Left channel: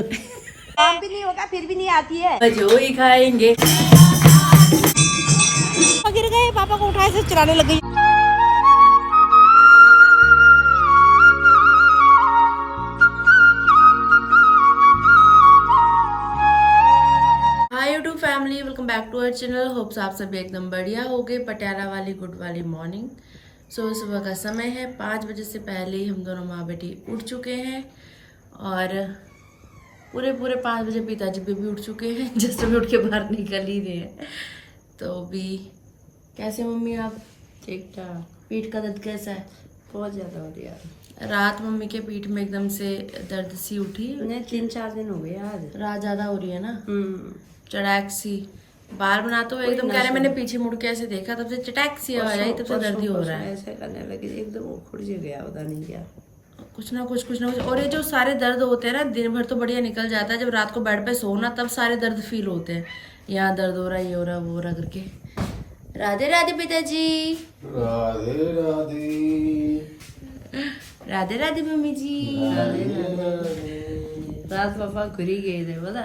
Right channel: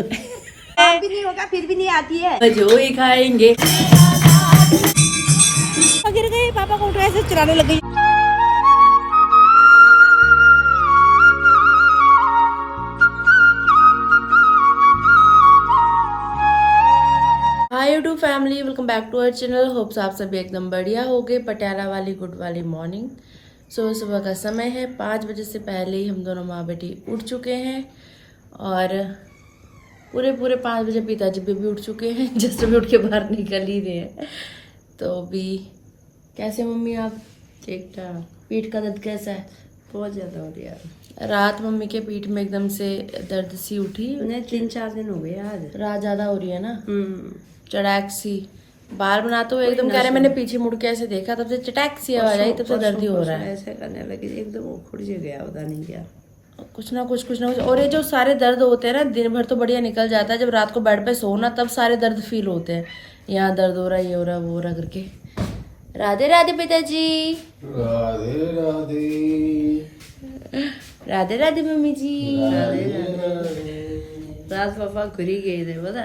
काम भी नहीं होगा फिर भी नहीं आती है। जो ही खाएंगे। गिर गए, पापा को उठाए से चलाने लग गई। Hi YouTube family, welcome back to our channel. Hopes आप सभी एकदम बढ़िया हो गए। पटियाला वाली गुड वाली मॉर्निंग। सुबह का समय है, 5 बजे से पहले ही हम दोनों माँ बेटी उठ चुके हैं और पूरे 5 बजे पिताजी भी उठ चुके हैं। जैसे भी उठ के बाहर निकल ही रहे हैं। तो अभी कैसे मम्मी आप? ठीक ठाक। पीठ का दर्द कैसा है? बहुत ज्यादा हो रही है। रात मम्मी के पीठ में एकदम से दर्द सी उठी। नहीं 3-4 दिन हो गए आज। रात ज्यादा हो रही है ना, चटैक सी। बाहर बनाते हुए एकदम कह रहे, मैंने पीछे मुड़ के ऐसे देखा, तब से चटैक सी आवाज आई, तब से दर्द ही हो रहा है। ऐसे करने लगी एकदम उखड़ से गया, पता नहीं क्या। कुछ ना कुछ। और ये जो सारे दर्द होते हैं ना, दिन भर तो बढ़िया निकल जाता है, जब रात को बेड पे सोना तब सारे दर्द फील होते हैं। यहाँ दर्द हो रहा है, ये हो रहा है, वो हो रहा करके। राधे राधे पिताजी। राधे राधे। राधे राधे मम्मी जी। रात पापा घुरी गए थे पता।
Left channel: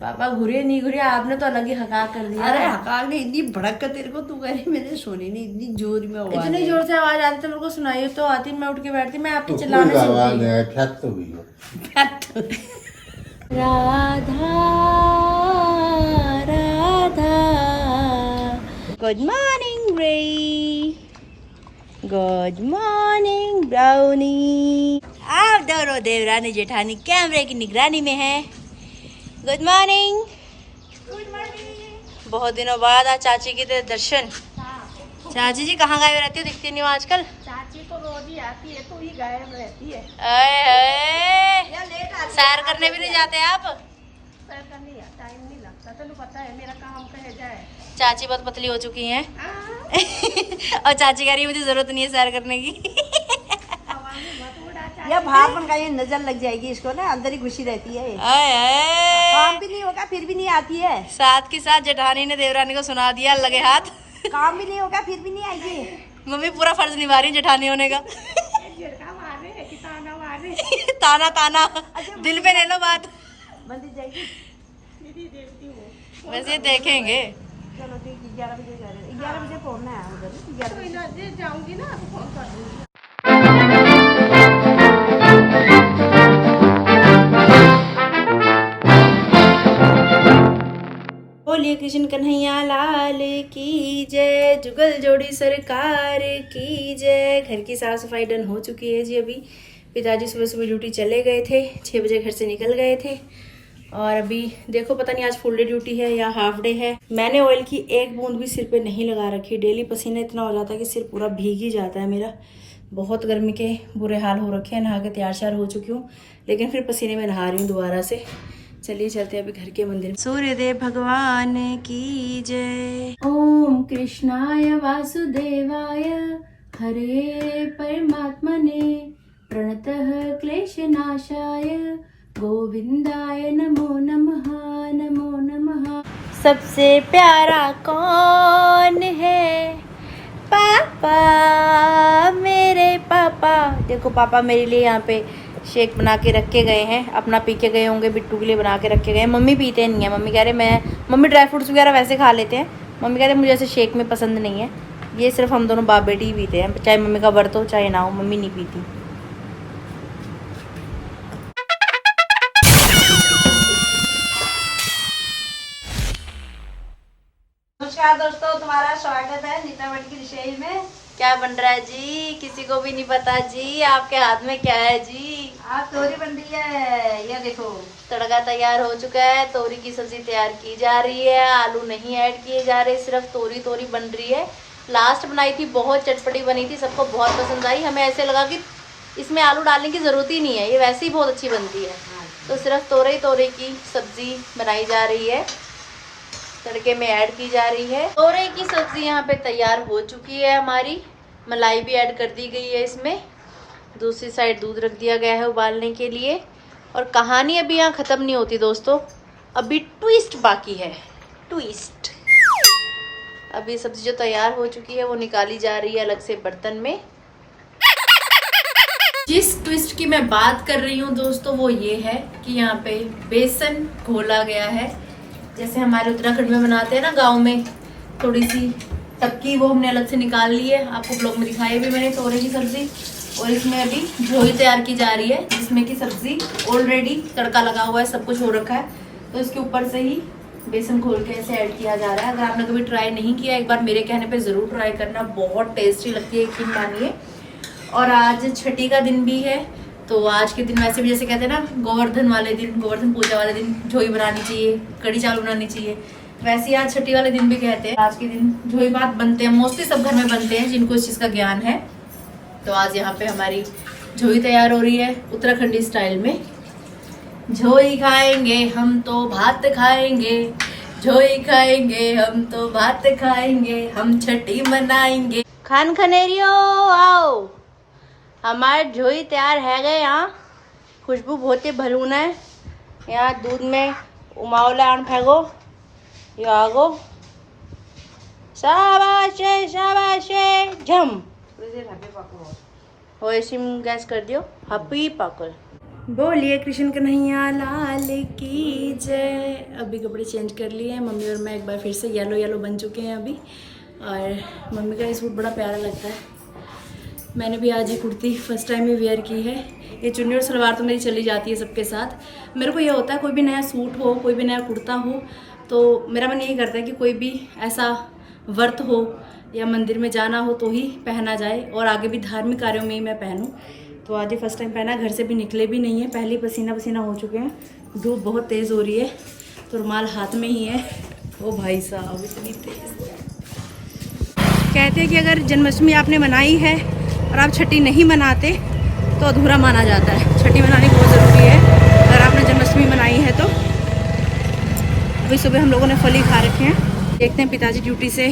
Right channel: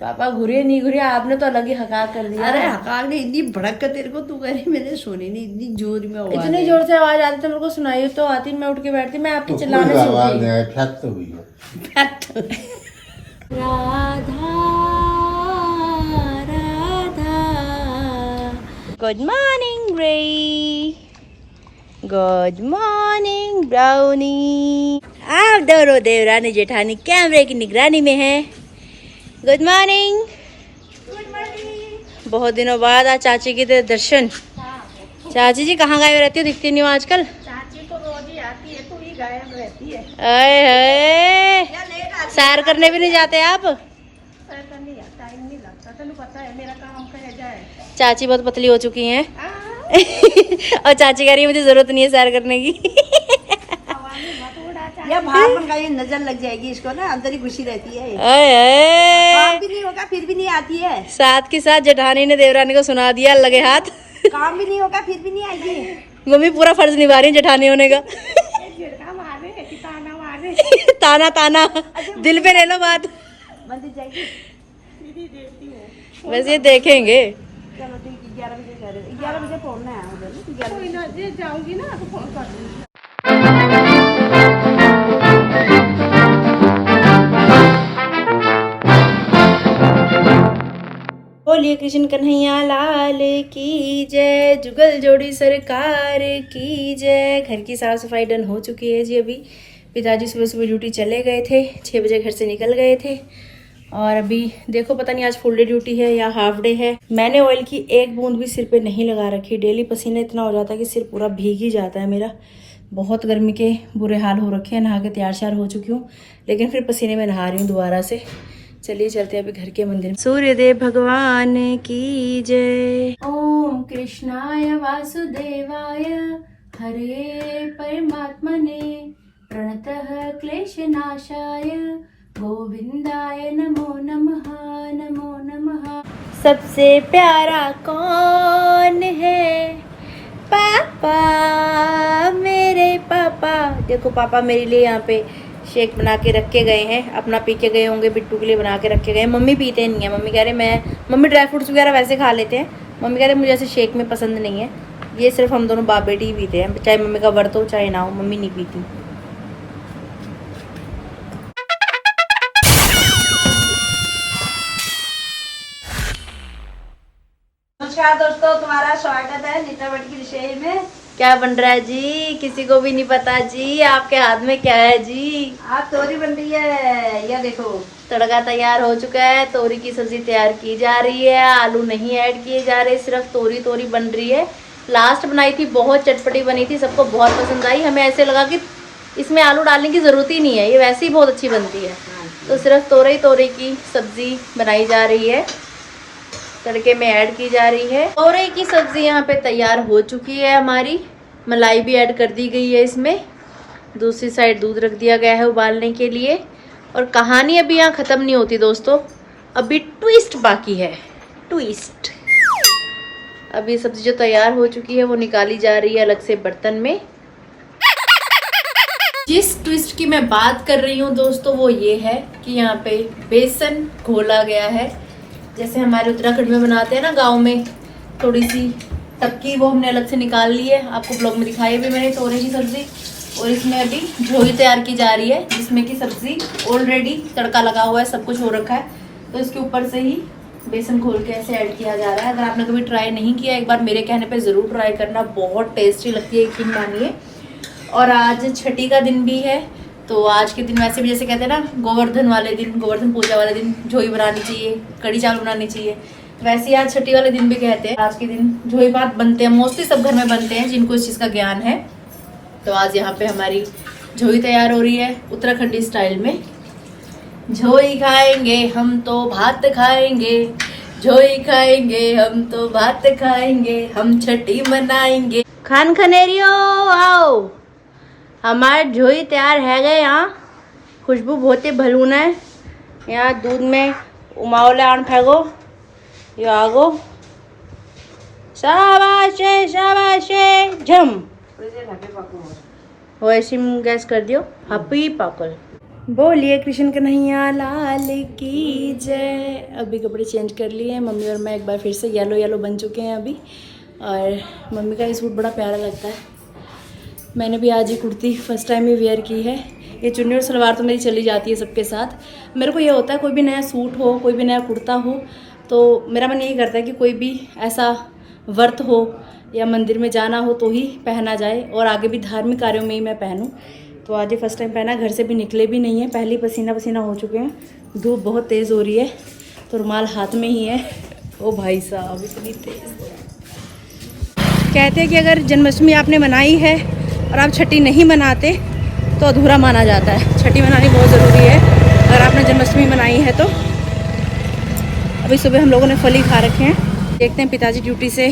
पापा घुरे नहीं घुरे, आपने तो अलग ही हका कर दिया। अरे हकार ने इतनी भड़क कर तेरे को तू करी, मैंने सुनी नहीं, इतनी जोर में आवाज। इतनी जोर से आवाज आती तो मेरे को सुनाई तो आती, मैं उठ के बैठती, मैं आपके चिल्लाने से उठी। राधा राधा। गुड मॉर्निंग रे, गुड मॉर्निंग ब्राउनी। आप दोनों देवरानी जेठानी कैमरे की निगरानी में है। Good morning. Good morning. बहुत दिनों बाद आज चाची के दर्शन। चाची जी कहाँ गायब रहती हो, दिखती नहीं हो आजकल? चाची तो रोज ही आती है, तू ही गायब रहती है। सैर करने भी नहीं जाते आप? सैर करने टाइम नहीं लगता, तेनू पता है मेरा काम कह जाए। चाची बहुत पतली हो चुकी हैं। और चाची कह रही है मुझे जरूरत नहीं है सैर करने की। या बाहर बन गई, नजर लग जाएगी इसको ना, अंदर ही घुसी रहती है। काम भी नहीं होगा फिर भी नहीं आती है। साथ के साथ जेठानी ने देवरानी को सुना दिया लगे हाथ। काम भी नहीं होगा फिर भी नहीं आएगी। मम्मी पूरा फर्ज निभा रही है जेठानी होने का। ताना ताना दिल पे ले लो बात। मंदिर जाएगी वैसे ये देखेंगे। चलो ठीक, 11 बजे कह रहे, 11 बजे पहुंचना है उधर ना। 11 बजे जाऊंगी ना तो फोन कर दूंगी। बोलिए कृष्ण कन्हैया लाल की जय। जुगल जोड़ी सरकार की जय। घर की साफ सफाई डन हो चुकी है जी। अभी पिताजी सुबह ड्यूटी चले गए थे, 6 बजे घर से निकल गए थे। और अभी देखो पता नहीं आज फुल डे ड्यूटी है या हाफ डे है। मैंने ऑयल की एक बूंद भी सिर पे नहीं लगा रखी। डेली पसीना इतना हो जाता है कि सिर पूरा भीग ही जाता है मेरा। बहुत गर्मी के बुरे हाल हो रखे हैं। नहा के तैयार श्यार हो चुकी हूँ, लेकिन फिर पसीने में नहा रही हूँ दोबारा से। चलिए चलते हैं अभी घर के मंदिर में। सूर्यदेव भगवान की जय। ओम कृष्णाय वासुदेवाय हरे परमात्मने प्रणतः क्लेशनाशाय गोविंदाय नमो नमः, नमो नमः। सबसे प्यारा कौन है? पापा, मेरे पापा। देखो पापा मेरे लिए यहाँ पे शेक बना के रख के गए हैं। अपना पी के गए होंगे, बिट्टू के लिए बना के रख के गए। मम्मी पीते नहीं है। मम्मी कह रहे मम्मी ड्राई फ्रूट्स वगैरह वैसे खा लेते हैं। मम्मी कह रहे मुझे ऐसे शेक में पसंद नहीं है। ये सिर्फ हम दोनों बाप बेटी ही पीते हैं, चाहे मम्मी का व्रत हो चाहे ना हो, मम्मी नहीं पीती। नमस्कार दोस्तों, तुम्हारा स्वागत है नीता भट्ट की रसोई में। क्या बन रहा है जी? किसी को भी नहीं पता जी। आपके हाथ में क्या है जी? आज तोरी बन रही है, ये देखो। तड़का तैयार हो चुका है। तोरी की सब्जी तैयार की जा रही है। आलू नहीं ऐड किए जा रहे, सिर्फ तोरी बन रही है। लास्ट बनाई थी, बहुत चटपटी बनी थी, सबको बहुत पसंद आई। हमें ऐसे लगा कि इसमें आलू डालने की जरूरत ही नहीं है, ये वैसे ही बहुत अच्छी बनती है। तो सिर्फ तोरी की सब्जी बनाई जा रही है, तड़के में ऐड की जा रही है। तोरई की सब्जी यहाँ पे तैयार हो चुकी है हमारी। मलाई भी ऐड कर दी गई है इसमें। दूसरी साइड दूध रख दिया गया है उबालने के लिए। और कहानी अभी यहाँ खत्म नहीं होती दोस्तों, अभी ट्विस्ट बाकी है। ट्विस्ट। अभी सब्जी जो तैयार हो चुकी है वो निकाली जा रही है अलग से बर्तन में। जिस ट्विस्ट की मैं बात कर रही हूँ दोस्तों वो ये है कि यहाँ पे बेसन घोला गया है, जैसे हमारे उत्तराखंड में बनाते हैं ना गांव में, थोड़ी सी तबकी वो हमने अलग से निकाल ली है। आपको ब्लॉग में दिखाई भी मैंने तोरे की सब्जी, और इसमें अभी झोली तैयार की जा रही है जिसमें कि सब्जी ऑलरेडी तड़का लगा हुआ है, सब कुछ हो रखा है। तो इसके ऊपर से ही बेसन घोल के ऐसे ऐड किया जा रहा है। अगर आपने कभी ट्राई नहीं किया, एक बार मेरे कहने पे ज़रूर ट्राई करना, बहुत टेस्टी लगती है, यकीन मानिए। और आज छठी का दिन भी है, तो आज के दिन वैसे भी जैसे कहते हैं ना गोवर्धन वाले दिन, गोवर्धन पूजा वाले दिन झोई बनानी चाहिए, कड़ी चावल बनानी चाहिए, वैसे ही आज छठी वाले दिन भी कहते हैं। आज के दिन झोई भात बनते हैं, मोस्टली सब घर में बनते हैं जिनको इस चीज़ का ज्ञान है। तो आज यहाँ पे हमारी झोई तैयार हो रही है उत्तराखंडी स्टाइल में। झोई खाएंगे हम तो भात खाएंगे, झोई खाएंगे हम तो भात खाएंगे, हम छठी मनाएंगे। खान खनेरियो आओ, हमारे झोई तैयार है गए। यहाँ खुशबू बहुत ही भलून है। यहाँ दूध में उमावले आन फेंको, ये आगो, शाबाशे शाबाशे झम वैसे गैस कर दियो, हपी पाकल। बोलिए कृष्ण कन्हैया लाल की जय। अभी कपड़े चेंज कर लिए हैं मम्मी और मैं, एक बार फिर से येलो येलो बन चुके हैं अभी। और मम्मी का ये सूट बड़ा प्यारा लगता है, मैंने भी आज ये कुर्ती फर्स्ट टाइम ही वेयर की है। ये चुन्नी और सलवार तो मेरी चली जाती है सबके साथ। मेरे को ये होता है कोई भी नया सूट हो, कोई भी नया कुर्ता हो, तो मेरा मन यही करता है कि कोई भी ऐसा व्रत हो या मंदिर में जाना हो तो ही पहना जाए, और आगे भी धार्मिक कार्यों में ही मैं पहनूं। तो आज ये फर्स्ट टाइम पहना, घर से भी निकले भी नहीं है, पहले ही पसीना पसीना हो चुके हैं। धूप बहुत तेज़ हो रही है, तो रुमाल हाथ में ही है। ओ भाई साहब इतनी तेज़। कहते हैं कि अगर जन्माष्टमी आपने मनाई है और आप छठी नहीं मनाते तो अधूरा माना जाता है। छठी मनानी बहुत ज़रूरी है अगर आपने जन्माष्टमी मनाई है तो। अभी सुबह हम लोगों ने फली खा रखे हैं, देखते हैं पिताजी ड्यूटी से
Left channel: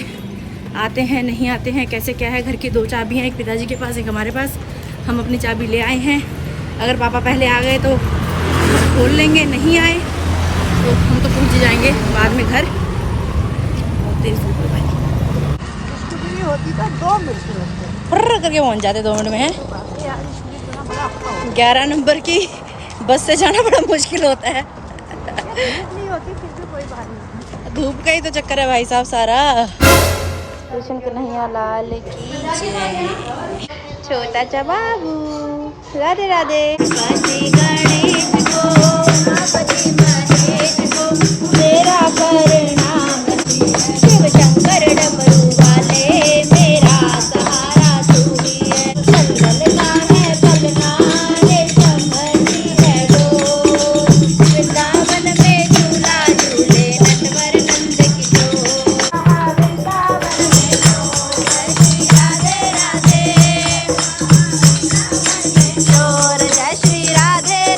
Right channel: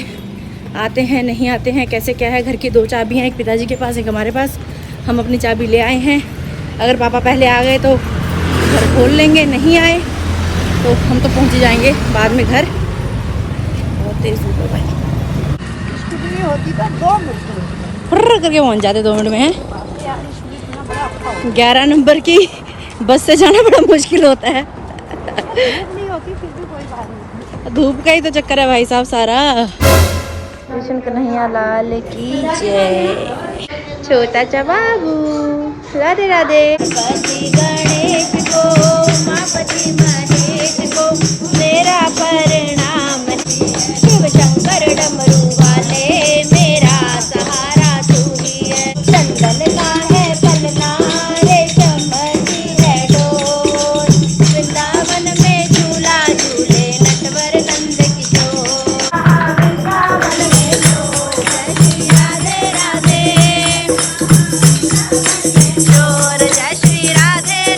आते हैं नहीं आते हैं, कैसे क्या है। घर की 2 चाबी हैं, एक पिताजी के पास एक हमारे पास। हम अपनी चाबी ले आए हैं, अगर पापा पहले आ गए तो घर खोल लेंगे, नहीं आए तो हम तो पहुंच ही जाएंगे बाद में घर। बहुत तेज़ धूप है भाई, होती तो 2 मिनट लगते फुर्र करके पहुंच जाते 2 मिनट में। हैं यार, इसलिए बड़ा औखा हो 11 नंबर की बस से जाना बड़ा मुश्किल होता है। धूप नहीं होती फिर भी कोई बात नहीं। धूप का ही तो चक्कर है भाई साहब सारा। कृष्ण कन्हैया लाल की जय। छोटा चा बाबू राधे राधे। मेरा परिणाम शिव शंकर डमरू वाले, मेरा सहारा तू ही है। चंदन का है पलना, रेशम है डोर, वृंदावन में झूला झूले अनवर नंद किशोर। वृंदावन में राधे राधे, जय श्री राधे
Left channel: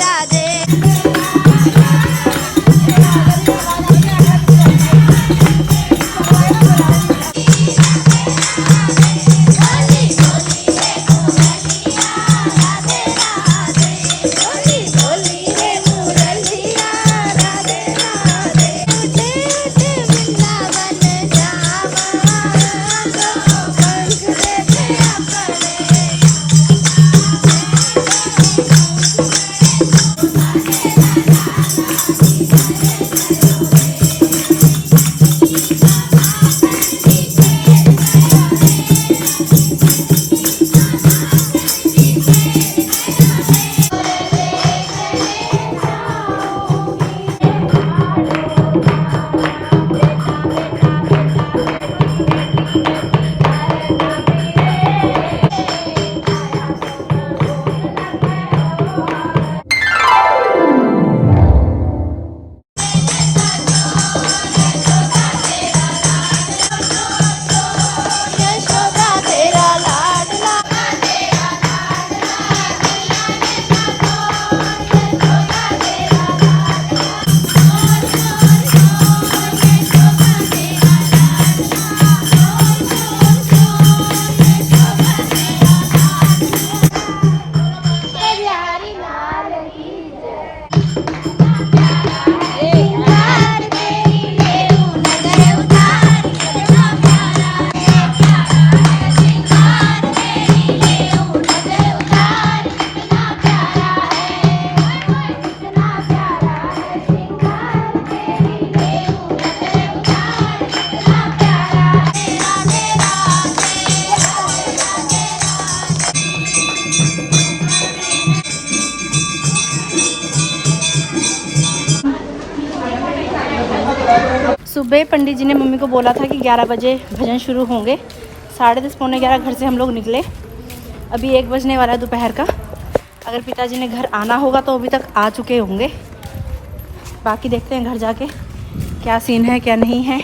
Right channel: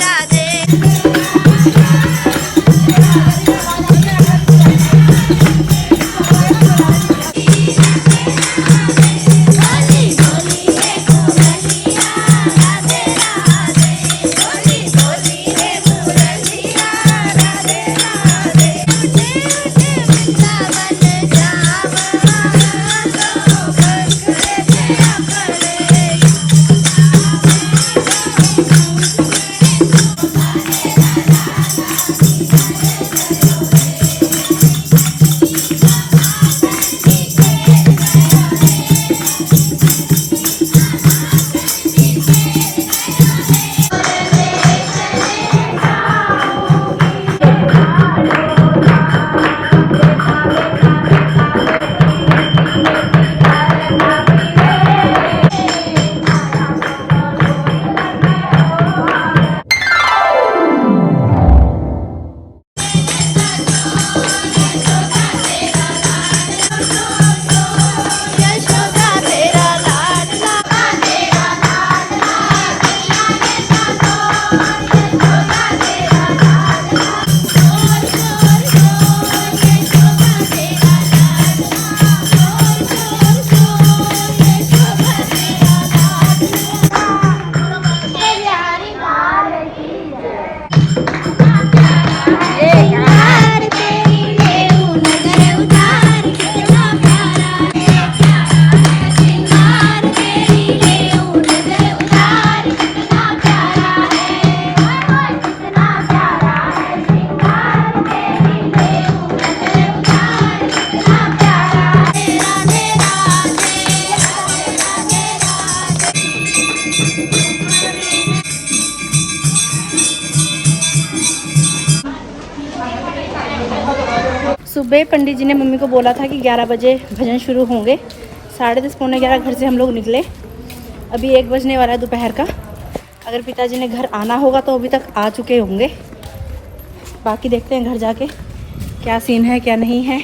सुबह पंडित जी ने मम्मी को बोला था कि 11 बजे भजन शुरू होंगे। 10:30 पौने 11 घर से हम लोग निकले। अभी 1 बजने वाला है दोपहर का। अगर पिताजी ने घर आना होगा तो अभी तक आ चुके होंगे। बाकी देखते हैं घर जाके क्या सीन है क्या नहीं है।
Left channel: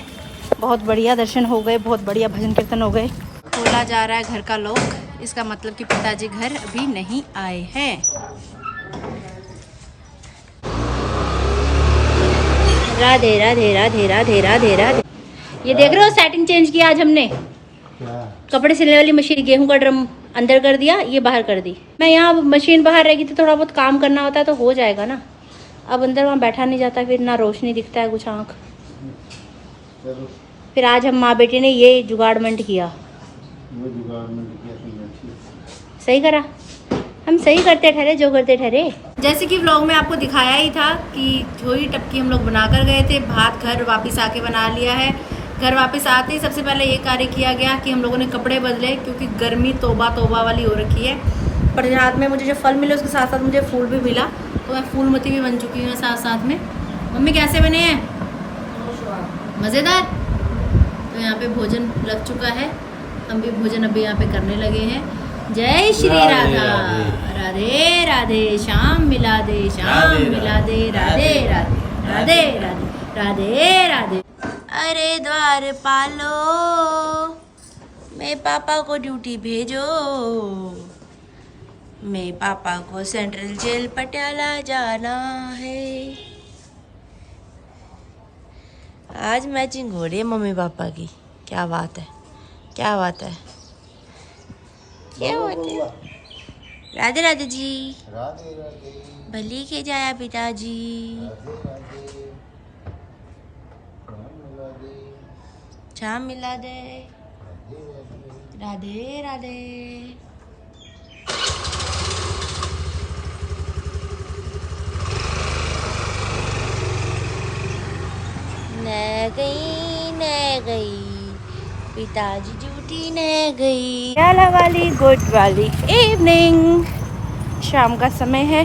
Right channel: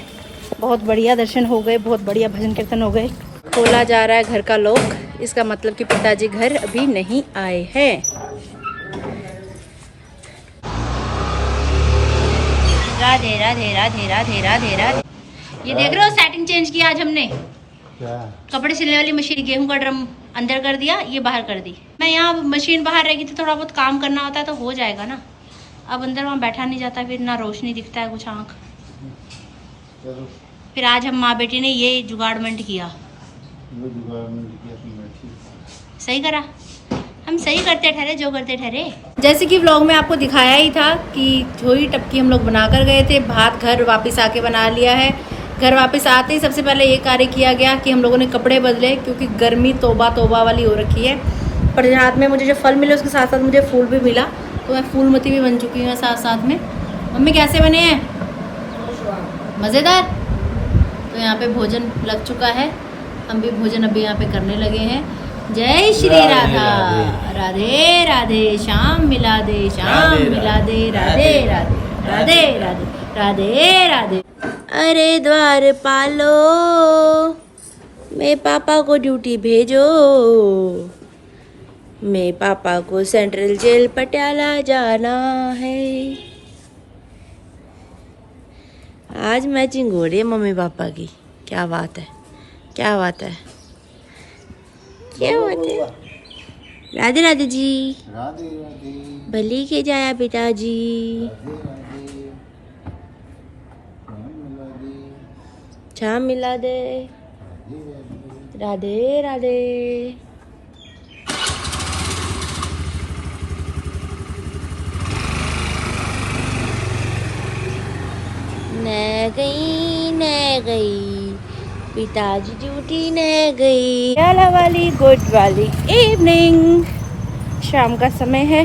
बहुत बढ़िया दर्शन हो गए, बहुत बढ़िया भजन कीर्तन हो गए। खोला जा रहा है घर का लॉक, इसका मतलब कि पिताजी घर अभी नहीं आए हैं। राधे राधे राधे राधे राधे राधे। ये देख रहे हो सेटिंग चेंज किया आज हमने। क्या? कपड़े सिलने वाली मशीन, गेहूं का ड्रम अंदर कर दिया, ये बाहर कर दी। मैं यहाँ मशीन बाहर रहेगी तो थोड़ा बहुत काम करना होता है तो हो जाएगा ना। अब अंदर वहाँ बैठा नहीं जाता, फिर ना रोशनी दिखता है कुछ आँख। फिर आज हम माँ बेटी ने ये जुगाड़मेंट किया। सही करा, हम सही करते ठहरे जो करते ठहरे। जैसे कि व्लॉग में आपको दिखाया ही था कि झोई टपकी हम लोग बना कर गए थे। भात घर वापस आके बना लिया है। घर वापस आते ही सबसे पहले ये कार्य किया गया कि हम लोगों ने कपड़े बदले, क्योंकि गर्मी तौबा तौबा वाली हो रखी है। पर हाथ में मुझे जो फल मिले उसके साथ साथ मुझे फूल भी मिला, तो मैं फूलमती भी बन चुकी हूँ साथ साथ में। मम्मी कैसे बने हैं? मज़ेदार। तो यहाँ पे भोजन लग चुका है, हम भी भोजन अभी यहाँ पे करने लगे हैं। जय श्री राधा, राधे राधे, श्याम मिला दे, श्याम मिला दे, राधे राधे राधे राधे राधे राधे। अरे द्वार पालो, मैं पापा को ड्यूटी भेजो, मैं पापा को सेंट्रल जेल पटियाला जाना है। आज मैचिंग हो रही है मम्मी पापा की। क्या बात है, क्या बात है, क्या बात है। राधे राधे जी, राधे राधे। भली के जाया पिताजी। शाम मिला दे, राधे राधे। न गई पिताजी ड्यूटी न गई। प्याला वाली गुड वाली इवनिंग, शाम का समय है।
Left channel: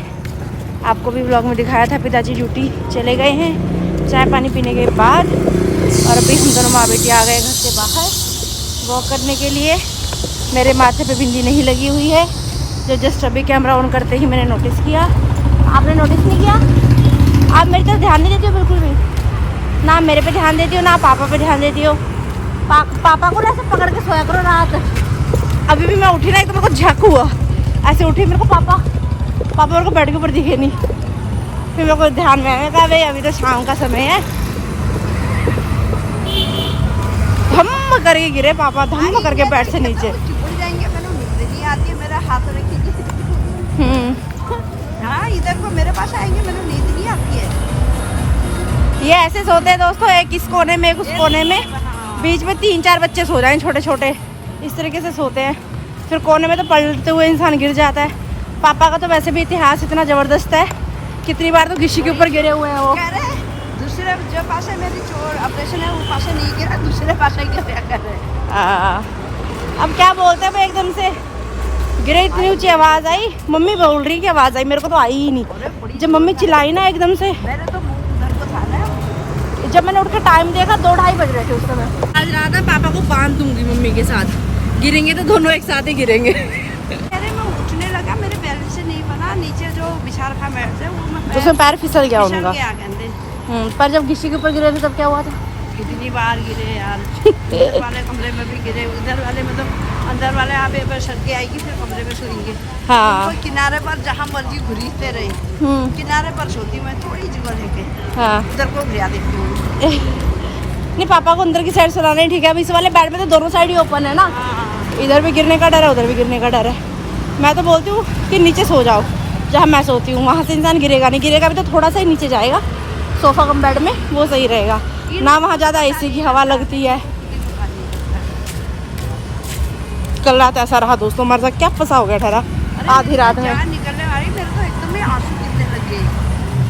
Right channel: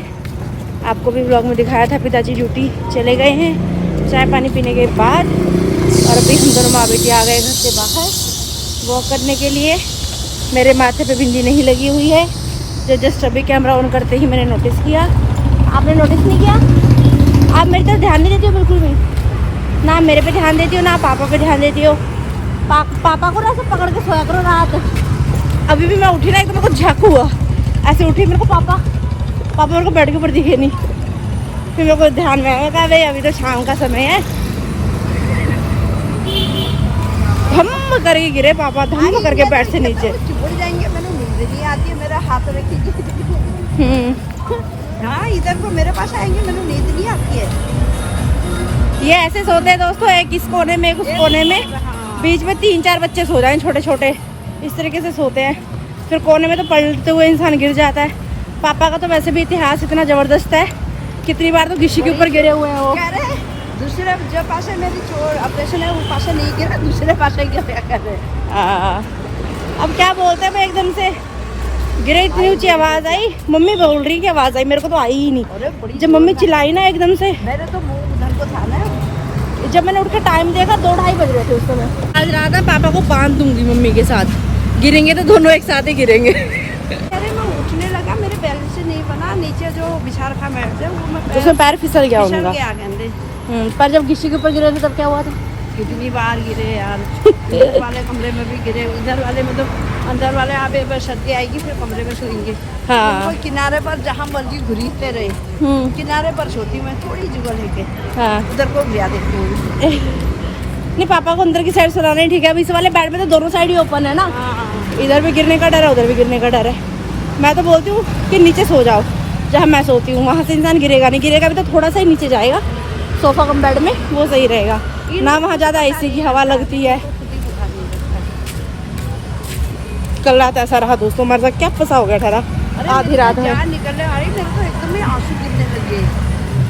आपको भी व्लॉग में दिखाया था पिताजी ड्यूटी चले गए हैं चाय पानी पीने के बाद। और अभी हम दोनों माँ बेटी आ गए घर से बाहर वॉक करने के लिए। मेरे माथे पे बिंदी नहीं लगी हुई है, जो जस्ट अभी कैमरा ऑन करते ही मैंने नोटिस किया। आपने नोटिस नहीं किया? आप मेरी तरफ ध्यान नहीं देती हो बिल्कुल भी, ना मेरे पे ध्यान देती हो ना पापा पे ध्यान देती हो। पापा को ना ऐसे पकड़ के सोया करो रात। अभी भी मैं उठी ना, एक तो मेरे को झक हुआ, ऐसे उठी, मेरे को पापा मेरे को बेड के ऊपर दिखे नहीं। फिर मेरे को ध्यान में आया, कहा भाई अभी तो शाम का समय है। धम्म करके गिरे पापा, धम्म करके बेड से नीचे चिपड़ जाएंगे। मैंने नींद नहीं आती है, मेरा हाथ रखिए। हाँ, इधर को मेरे पास आएंगे, मैंने नींद नहीं आती है। ये ऐसे सोते हैं दोस्तों, एक इस कोने में एक उस कोने में, बीच में 3-4 बच्चे सो जाएं छोटे छोटे, इस तरीके से सोते हैं। फिर कोने में तो पलटते हुए इंसान गिर जाता है। पापा का तो वैसे भी इतिहास इतना जबरदस्त है, कितनी बार तो घिसी के ऊपर गिरे हुए हैं वो। कह रहे दूसरे जो पास है मेरी चोर ऑपरेशन है, वो पास नहीं गिरा, दूसरे पास गिरा कर रहे। अब क्या बोलते हैं भाई, एकदम से गिरे, इतनी ऊंची आवाज आई। मम्मी बोल रही की आवाज आई, मेरे को तो आई ही नहीं। जब मम्मी चिल्लाई ना एकदम से, मेरे तो मुंह उधर को था ना। जब मैंने उठ के टाइम देखा 2-2:30 बज रहे थे उस समय। आज रात है पापा को बांध दूंगी मम्मी के साथ, गिरेंगे तो दोनों एक साथ ही गिरेंगे। अरे मैं उठने लगा, मेरे पैर से नहीं बना, नीचे जो बिछा रखा मैट से वो मैं उसमें पैर फिसल गया फिसल उनका। गया गंदे। पर जब घिसी के ऊपर गिरे थे तब क्या हुआ था? कितनी बार गिरे यार। इधर वाले कमरे में भी गिरे, उधर वाले में तो अंदर वाले आप एक बार सर्दी आएगी फिर कमरे में सोएंगे। हाँ। कोई किनारे पर जहाँ मर्जी घुरीते रहे, किनारे पर सोती मैं, थोड़ी जगह लेके हाँ। उधर को गिरा देती हूँ। नहीं, पापा को अंदर की साइड सुनाना ही ठीक है। अब इस वाले बेड में तो दोनों साइड ही ओपन है ना, इधर भी गिरने का डर है उधर भी गिरने का डर है। मैं तो बोलती हूँ कि नीचे सो जाओ जहाँ मैं सोती हूँ, वहाँ से इंसान गिरेगा नहीं। गिरेगा भी तो थोड़ा सा ही नीचे जाएगा, सोफा कम बेड में, वो सही रहेगा ना। वहाँ ज्यादा एसी की हवा लगती है। कल रात ऐसा रहा दोस्तों, मर क्या फंसा हो गया ठहरा, आधी रात है। निकलने आई, मेरे को एकदम ही आंसू गिरने लगे।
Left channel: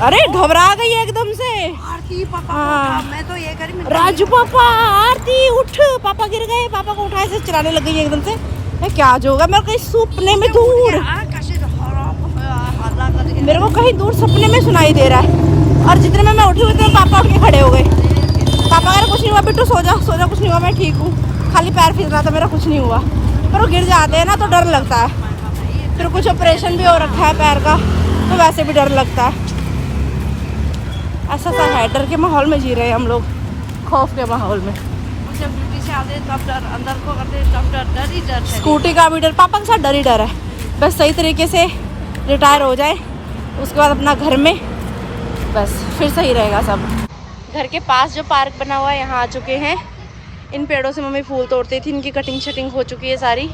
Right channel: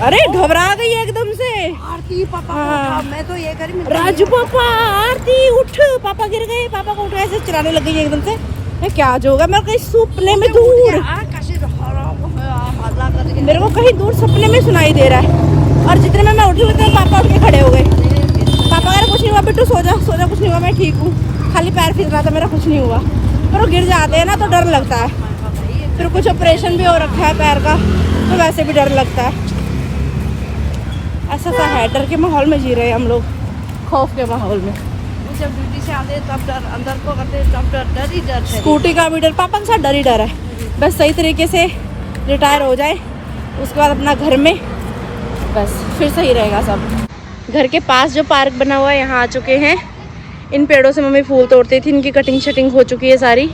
अरे घबरा गई एकदम से। आरती पापा को उठा, मैं तो ये करी, राजू पापा आरती उठ, पापा गिर गए, पापा को उठाए से चिल्लाने लग गई एकदम से। क्या जो होगा, मेरे को कहीं सपने में दूर, मेरे को कहीं दूर सपने में सुनाई दे रहा है। और जितने में मैं उठी हुई तो पापा उठ के खड़े हो गए। पापा अगर कुछ नहीं हुआ बिट्टू सो जा कुछ नहीं हुआ, मैं ठीक हूँ, खाली पैर फिर रहा था मेरा, कुछ नहीं हुआ। पर वो गिर जाते हैं ना तो डर लगता है, फिर कुछ ऑपरेशन भी हो रखा है पैर का तो वैसे भी डर लगता है। ऐसा सा है, डर के माहौल में जी रहे हैं हम लोग, खौफ के माहौल में। जब ड्यूटी से आते तब डर, अंदर को करते तब डर ही डर है। स्कूटी का भी डर, पापा के साथ डर ही डर है। बस सही तरीके से रिटायर हो जाए उसके बाद अपना घर में, बस फिर सही रहेगा सब। घर के पास जो पार्क बना हुआ है यहाँ आ चुके हैं। इन पेड़ों से मम्मी फूल तोड़ती थी, इनकी कटिंग शटिंग हो चुकी है सारी।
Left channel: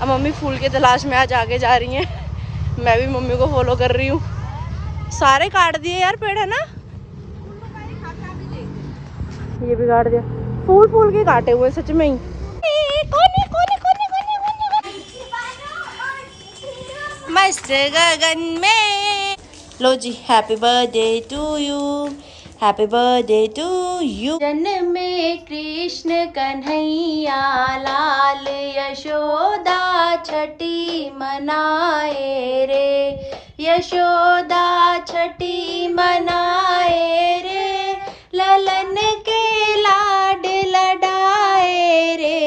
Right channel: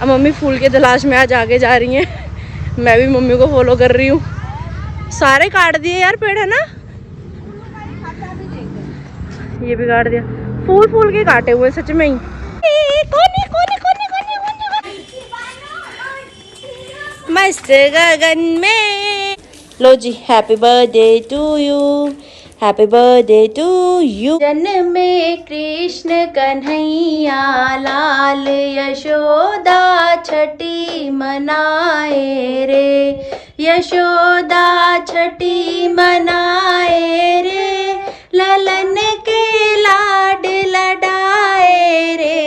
अब मम्मी फूल के तलाश में आज आगे जा रही हैं। मैं भी मम्मी को फॉलो कर रही हूँ। सारे काट दिए यार पेड़, है ना? ये भी काट दिया, फूल के काटे हुए सच में ही। मस्त गगन में। लो जी, happy birthday to you, happy birthday to you. जन्म में कृष्ण कन्हैया लाल यशोदा छठी मनाए रे, यशोदा छठी मनाए रे, ललन के लाड लडाए रे।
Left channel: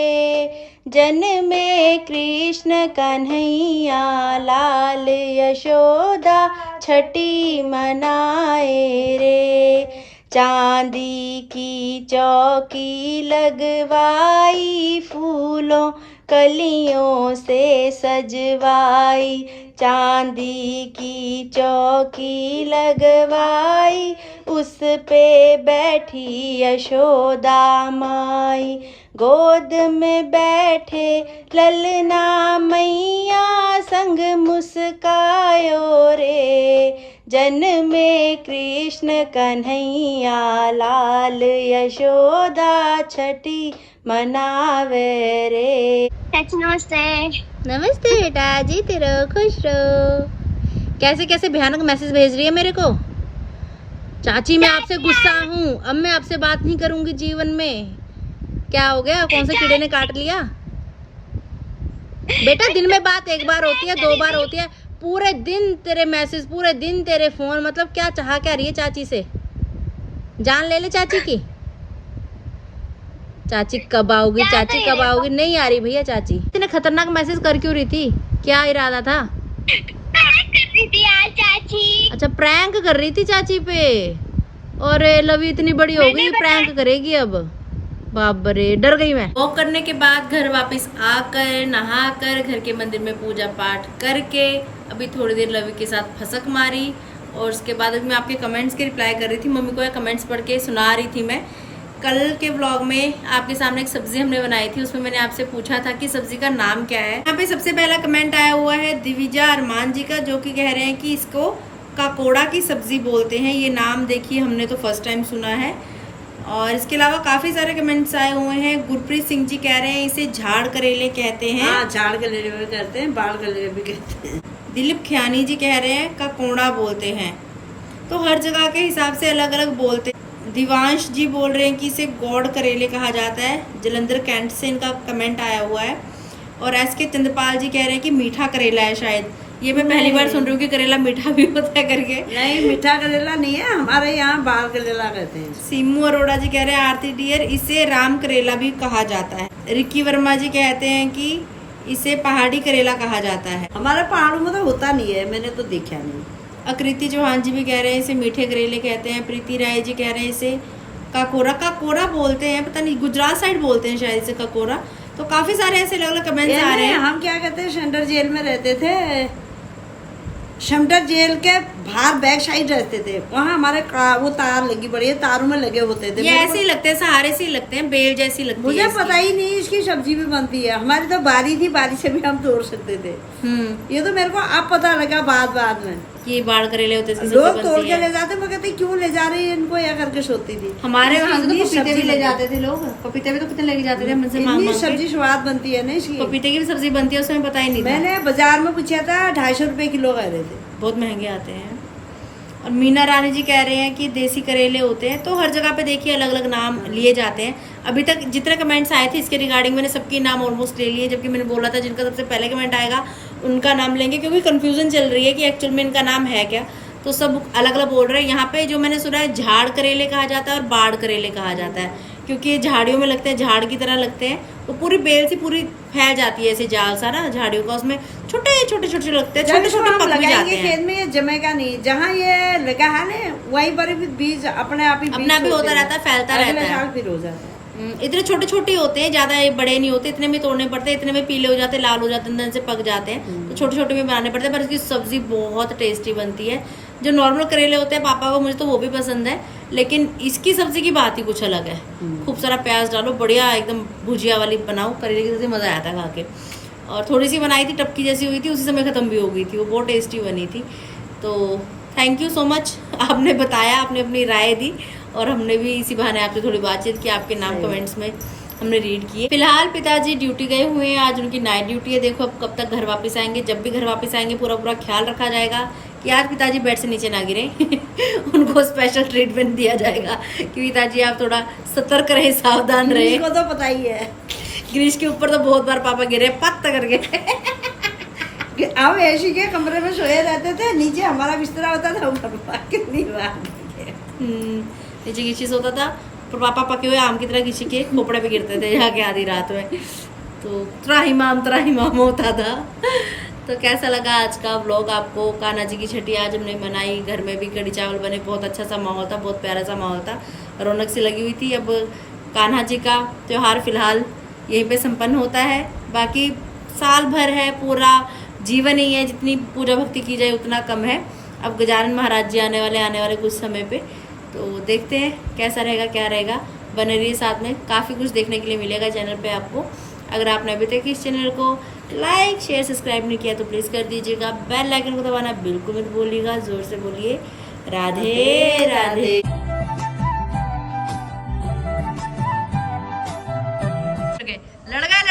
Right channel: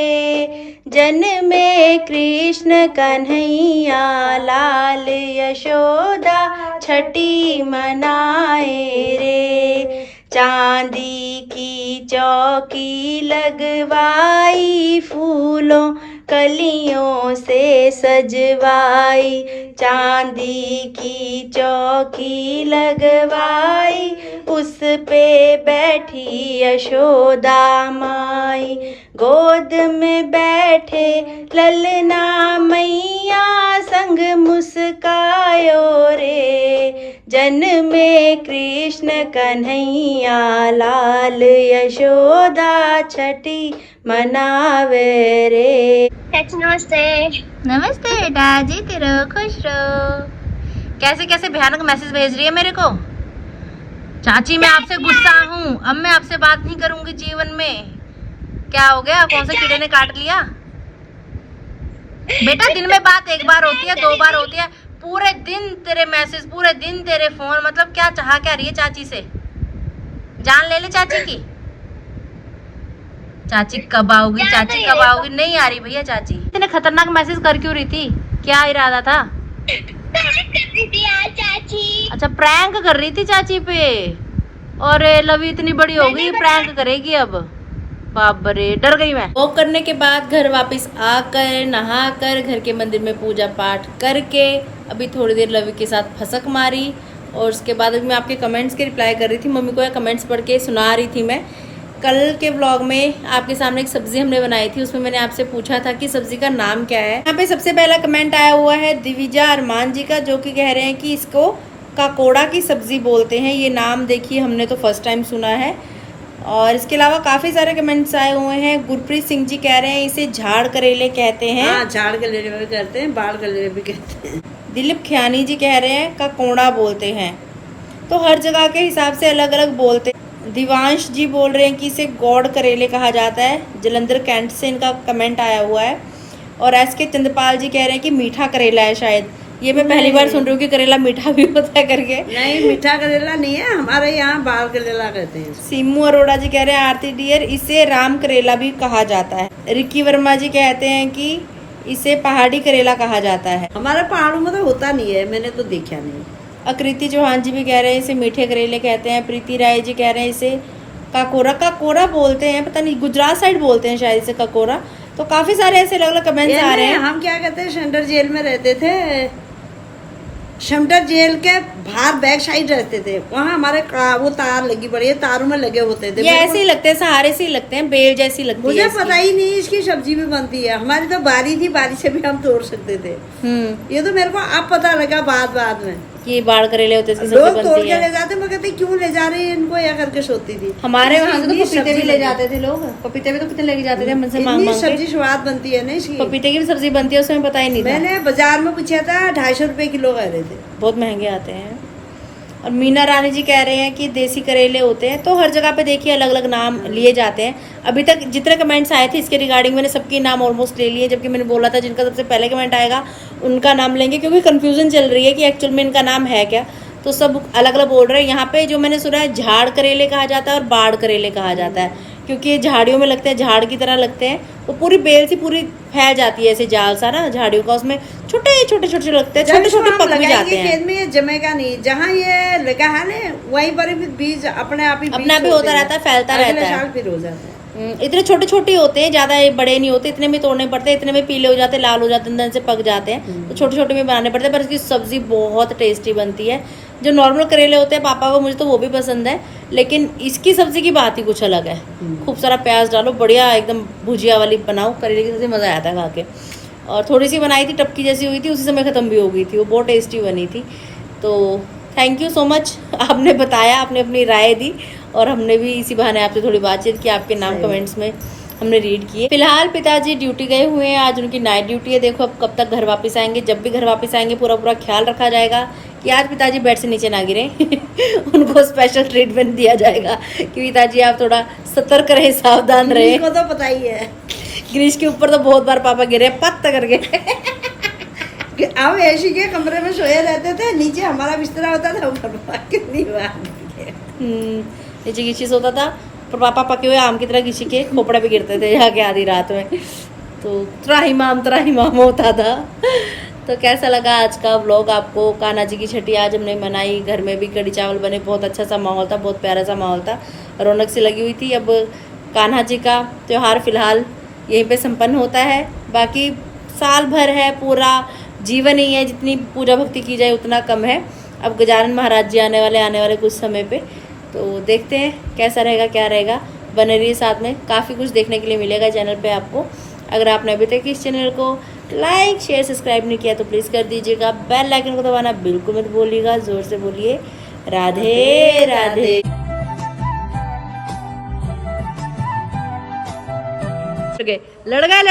जन्म में कृष्ण कन्हैया लाल यशोदा छठी मनाए रे। चांदी की चौकी लगवाई, फूलों कलियों से सजवाई, चांदी की चौकी लगवाई, उस पे बैठी यशोदा माई, गोद में बैठे ललना मैया, संग मुस्कायो रे। जन्म में कृष्ण कन्हैया लाल यशोदा छठी मनावे रे। नमस्ते। नमस्ते बेटा, जीते रहो, खुश रहो। कैसे कैसे भयानक मैसेज भेज रही है मेरे को। चाची मैं आपसे गुस्सा हूँ, अब मैं आपसे बात नहीं करूंगी जीवन में। क्या हो गया, कौन से कीड़े ने काट लिया? बेटा दिन में बात एक बार होती है, 2 बार होती है, पूरे दिन तेरे मैसेज, पूरे दिन तेरे फोन, मतलब क्या चाह क्या रही है चाची से? जान ले ले चाची की। चाची कब आओगी, चाची कब आओगी? नहीं आ रही भैया चाची। इतने खतरनाक मैसेज कर क्यों रही थी, क्या इरादा था? चाची अच्छा प्रैंक कर रही थी चाची पे। और लवी इतनी बड़ी हो गई, प्रैंक करेगी अब। बाप रे, डर गई मैं। वॉक करने के बाद घर वापस आकर नहाकर घर के मंदिर में पूजा पाठ करके अभी थोड़ी देर लवी के साथ फसक मारी। और उसके बाद मैं आपके कमेंट्स के रिप्लाई कर रही थी, मम्मी को कमेंट्स पढ़ के सुना रही थी मैं। कल के व्लॉग में आपके सामने एक सब्जी हमने बनाई थी, उसमें मैंने आपसे पूछा था कि सब्जी का नाम क्या है। यहाँ पे सबसे पहला कमेंट आया हुआ है दिविजा अरमान जी का, जो कि कह रहे हैं कि इसको काकोड़ा की सब्जी बोलते हैं। ये नाम देखिए हमने तो फर्स्ट टाइम सुना है। और इसके अलावा काफी सारे कमेंट्स आए हुए हैं। गुरप्रीत सिंह जी कह रहे हैं इसे झाड़ करेले कहते हैं। हाँ, झाड़ करेले भी कहते हैं, बाढ़ करेले भी कहते हैं। दिलीप खियानी जी कह रहे हैं काकोड़ा बोलते हैं। तो हर जगह के हिसाब से अलग अलग बोलते हैं। दिवांश जी बोल रहे हैं कि इसे गौड़ करेले कहा जाता है। जलंधर कैंट से इनका कमेंट आया हुआ है। और एसके चंद्रपाल जी कह रहे हैं कि मीठा करेला है शायद। ये मैं पहली बार सुन रही हूँ कि करेला मीठा भी होता है करके। नहीं, मीठा करेला नहीं है, हमारे यहाँ बाल करेला कहते हैं। सीमू अरोड़ा जी कह रहे हैं आरती डियर इसे राम करेला भी कहा जाता है। रिक्की वर्मा जी कहते हैं कि इसे पहाड़ी करेला कहा जाता है। हमारे पहाड़ों में तो होता नहीं है, मैंने तो देखा नहीं। आकृति चौहान जी भी कह रहे हैं इसे मीठे करेले कहते हैं। प्रीति राय जी कह रहे हैं इसे काकोरा बोलते हैं, पता नहीं गुजरात साइड बोलते हैं शायद इसे काकोरा। तो काफी सारे ऐसे अलग अलग कमेंट्स आ रहे हैं। हम क्या कहते हैं, शंडर जेल में रहते थे, शंडर जेल के बाहर बैक साइड रहते थे, वहाँ हमारे वो तार लगी पड़ी है, तारों में लगे होते थे। ये ऐसे ही लगते हैं, सहारे से ही लगते हैं, बेल जैसी लगती है। मुझे पता ही नहीं इसकी सब्जी भी बनती है। हमारी तो बारी थी, बारी से भी हम तोड़ सकते थे। ये तो मेरे को अब पता लगा बाद में। ये बाढ़ करेले होते हैं, लोग तोड़ के ले जाते, मैं कहती क्यों ले जा रही है इनको, या करके सोती थी। हमारे वहाँ से तो पपीते भी ले जाते थे लोग, पपीते भी तो कितने लेके जाते थे मुझसे मांग मांग के। सब्जी स्वाद बनती है ना इसलिए। पपीते की भी सब्जी बनती है, उसमें पता ही नहीं था। मैंने बाजार में पूछा था, 250 रुपए किलो कह रहे थे, बहुत महंगे आते हैं। और मीना रानी जी कह रहे हैं कि देसी करेले होते हैं। तो हर जगह पे देखिए अलग अलग नाम लिए जाते हैं। अभी तक जितने कमेंट्स आए थे इसके रिगार्डिंग मैंने सबके नाम ऑलमोस्ट ले लिए, जबकि मैंने बोला था जिनका सबसे पहले कमेंट आएगा उनका नाम लेंगे, क्योंकि कंफ्यूजन चल रही है कि एक्चुअल में इनका नाम है क्या। तो सब अलग अलग बोल रहे हैं। यहाँ पे जो मैंने सुना है झाड़ करेले कहा जाता है और बाढ़ करेले कहा जाता है, क्योंकि ये झाड़ियों में लगते हैं, झाड़ की तरह लगते हैं। तो पूरी बेल सी पूरी फैल जाती है ऐसे जाल सा ना झाड़ियों का, उसमें छोटे छोटे लगते हैं, छोटे छोटे पक भी जाते हैं। खेत में ये जमेगा नहीं, जहाँ ये लगा है ना वहीं पर भी बीज अपने आप ही होता रहता है, फैलता रहता है। फिर हो जाता है। इतने छोटे छोटे होते हैं, ज्यादा बड़े नहीं होते, इतने में तोड़ने पड़ते हैं, इतने में पीले हो जाते हैं, लाल हो जाते हैं, अंदर से पक जाते हैं। तो छोटे छोटे में बनाने पड़ते हैं, पर इसकी सब्जी बहुत टेस्टी बनती है। जो नॉर्मल करेले होते हैं पापा को, मुझे तो वो भी पसंद है, लेकिन इसकी सब्जी की बात ही कुछ अलग है। खूब सारा प्याज डालो, बढ़िया एकदम भुजिया वाली बनाओ करेले की सब्जी, मजा आता है खा के। और थोड़ी सी बनाई थी, टपकी जैसी हुई थी, उसी समय खत्म भी हो गई थी, वो बहुत टेस्टी बनी थी। तो थैंक यू सो मच, आपने बताया, आपने अपनी राय दी, और हमने भी इसी बहाने आपसे थोड़ी बातचीत की, आपके नाम कमेंट्स में हमने रीड किए। फिलहाल पिताजी ड्यूटी गए हुए हैं, आज उनकी नाइट ड्यूटी है। देखो अब कब तक घर वापस आएंगे। जब भी घर वापस आएंगे पूरा पूरा ख्याल रखा जाएगा कि आज पिताजी बेड से नीचे ना गिरे। उनको स्पेशल ट्रीटमेंट दिया जाएगा कि पिताजी आप थोड़ा सतर्क रहे, सावधान रहे। को तो पता ही है, गिरीश के ऊपर तो बहुत बार पापा गिरे पत्ता करके। हम ऐसी के कमरे में सोए रहते थे, नीचे हमारा बिस्तरा होता था, कितनी बार नीचे किसी सोता था, पर पापा पके हुए आम की तरह किसी के खोपड़े पे गिरते थे जाके आधी रात में। तो त्राहिमाम होता था। तो कैसा लगा आज का व्लॉग आपको? कान्हा जी की छठी आज हमने मनाई, घर में भी कढ़ी चावल बने, बहुत अच्छा सा माहौल था, बहुत प्यारा सा माहौल था, रौनक सी लगी हुई थी। अब कान्हा जी का त्योहार फिलहाल यहीं पे संपन्न होता है। बाकी साल भर है, पूरा जीवन ही है, जितनी पूजा भक्ति की जाए उतना कम है। अब गजानन महाराज जी आने वाले कुछ समय पे, तो देखते हैं कैसा रहेगा, क्या रहेगा। बने रहिए साथ में, काफ़ी कुछ देखने के लिए मिलेगा चैनल पे आपको। अगर आपने अभी तक इस चैनल को लाइक शेयर सब्सक्राइब नहीं किया तो प्लीज़ कर दीजिएगा। बेल आइकन को दबाना बिल्कुल मत भूलिएगा। जोर से बोलिए राधे राधे। लड़ गए